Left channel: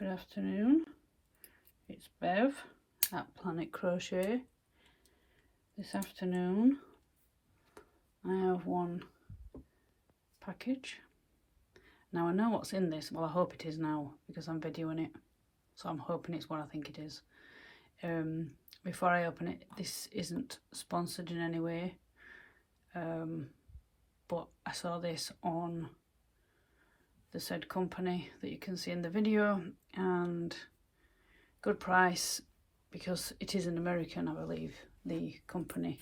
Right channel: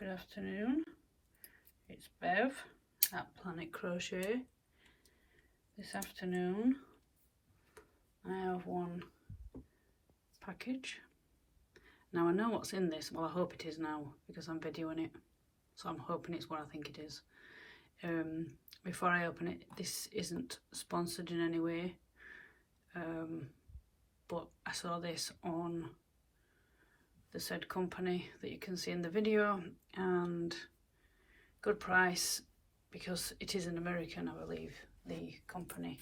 Good afternoon, it's Bev at Planetcrochet. This afternoon I have one package. Now I know what's in this, well I hope it is now because I'm videoing it, so I'm hoping it's what I think it is. Before I open it, this isn't sponsored in any way, but I saw this on the said company that you can see in the video, and good price because it is an American, I believe, the company.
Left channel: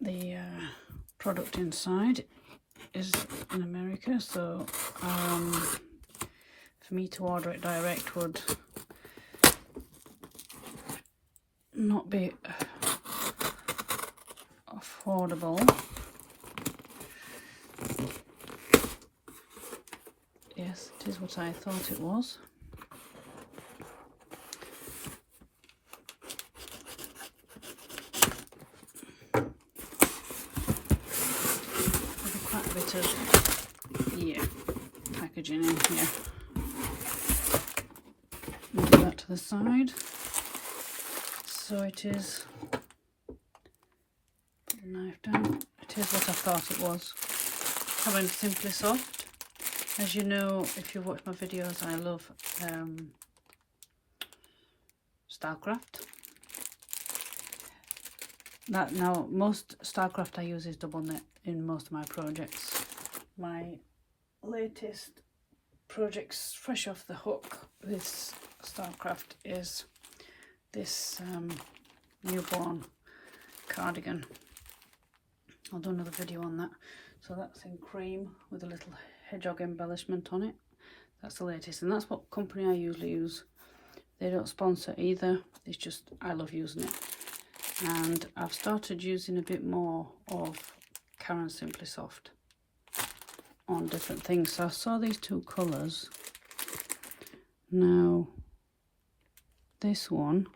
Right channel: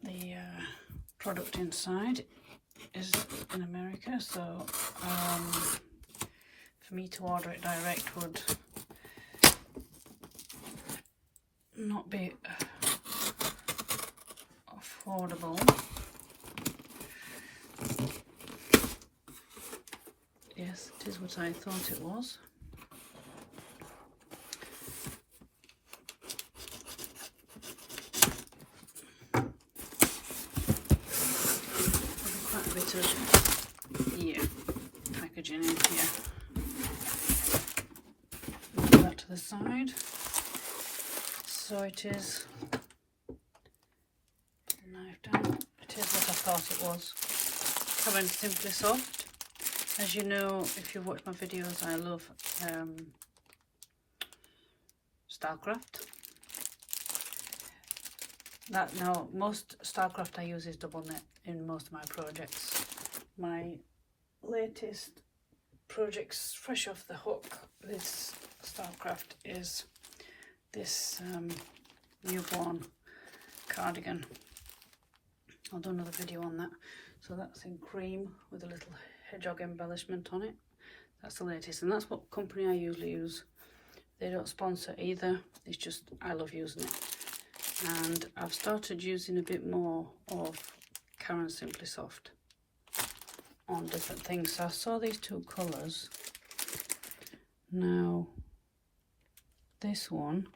The product inside is in America, so for me to order it direct would not be affordable. Yes, it is what I thought it was. There's quite a bit of packaging in here. Move that to the side. So it is, put the knife down, it is what I thought it was. Coming Simply Soft. As you know, if you've watched my videos, I love Starcraft. Now, most Starcraft I use is double knit in most of my projects. My latest projects fresh off the hook, this Starcraft, is this newborn cardigan. I'll do another video on that. So that's in cream with a little hedgehog embellishment on it. That's the latest, and that's what company I usually use. They don't sponsor either, it's just I love using it. And I've started using a bit more of Simply Soft on different things. So I saw these two colours. Now this one,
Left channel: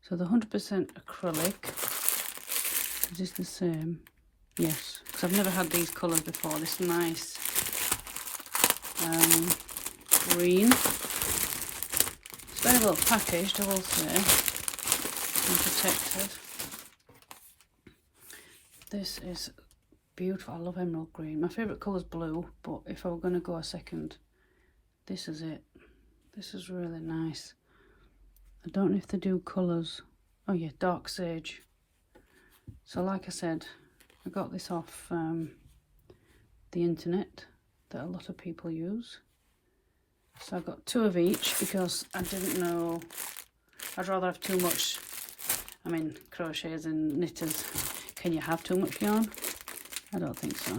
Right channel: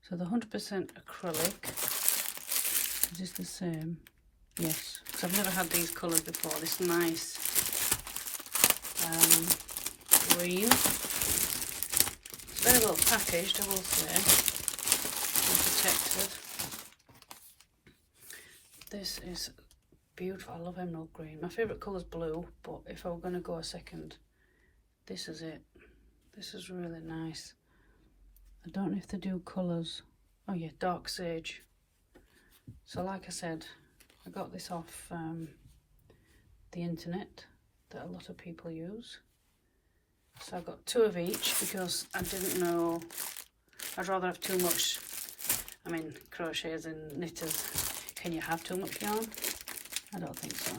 so the 100% acrylic, is this the same? Yes, so I've never had these colours before. This nice green. It's very well packaged, I will say, and protected. This is beautiful. I love emerald green. My favourite colour is blue, but if I were going to go a second, this is it. This is really nice. I don't know if they do colours. Oh yeah, dark sage. So like I said, I got this off the internet that a lot of people use. So I got two of each because I didn't know, I'd rather have too much. I mean, crocheters and knitters, can you have too much yarn? I don't think so.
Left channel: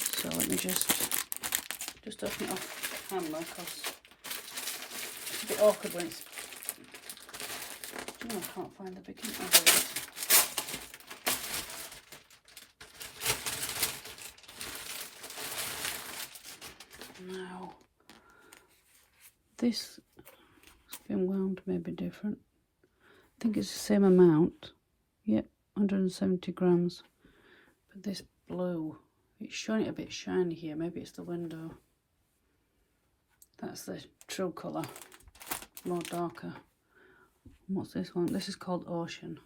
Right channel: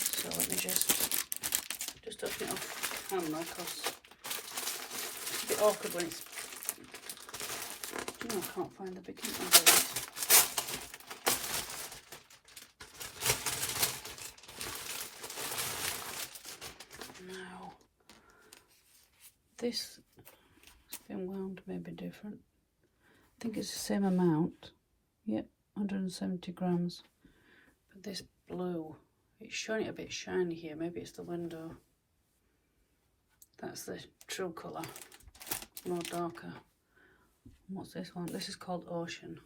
So let me just open it off camera because it's a bit awkward when it's, I can't find the beginning of it. Now, this has been wound maybe different. I think it's the same amount. Yep, 170 grams. But this blue, it's showing it a bit shiny here. Maybe it's the window. That's the true colour, more darker. What's this one? This is called Ocean.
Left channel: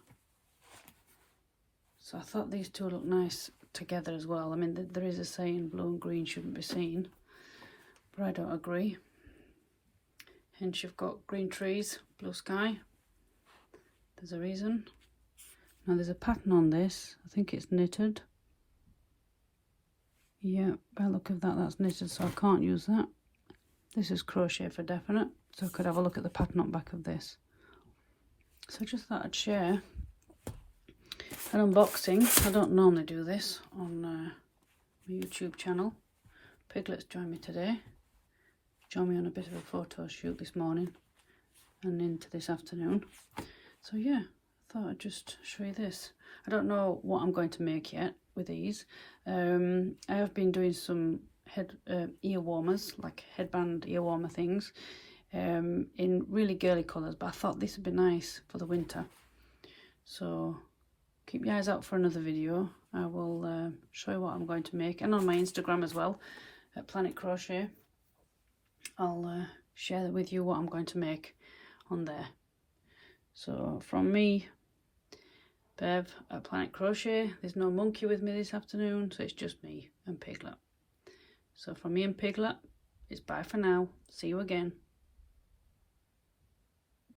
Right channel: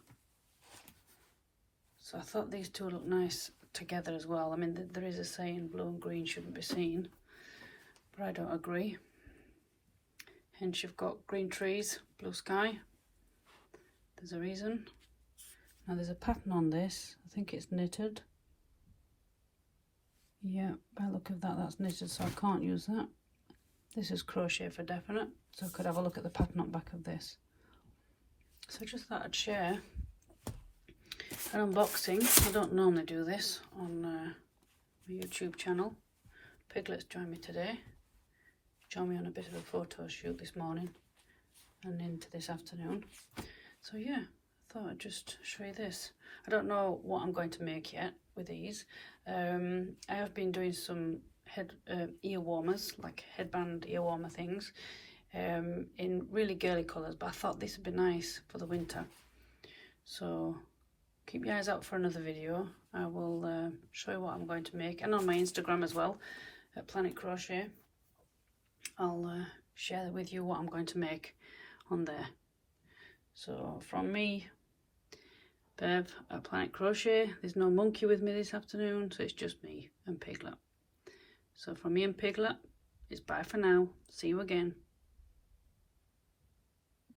So I thought these two look nice together as well. I mean, there is a saying blue and green shouldn't be seen, but I don't agree. Hence you've got green trees, blue sky. There's a reason. Now there's a pattern on this. I think it's knitted. Yeah, by the look of that, that's knitted, so I can't use that. This is crochet for definite, so I could have a look at the pattern on the back of this. So I just thought I'd share an unboxing. I don't normally do this on my YouTube channel. Piglets joined me today. Joined me on a bit of a photo shoot this morning and into this afternoon. So yeah, I thought I'd just show you this. I don't know what I'm going to make yet with these. I have been doing some ear warmers, like headband ear warmer things, in really girly colours, but I thought this would be nice for the winter. So keep your eyes out for another video. I will show you what I'm going to make, and on my Instagram as well. at Planetcrochet, I'll share with you what I'm going to make on there. So from me, Bev at Planetcrochet, there's no monkey with me this afternoon, so it's just me and Piglet. So from me and Piglet, it's bye for now. See you again.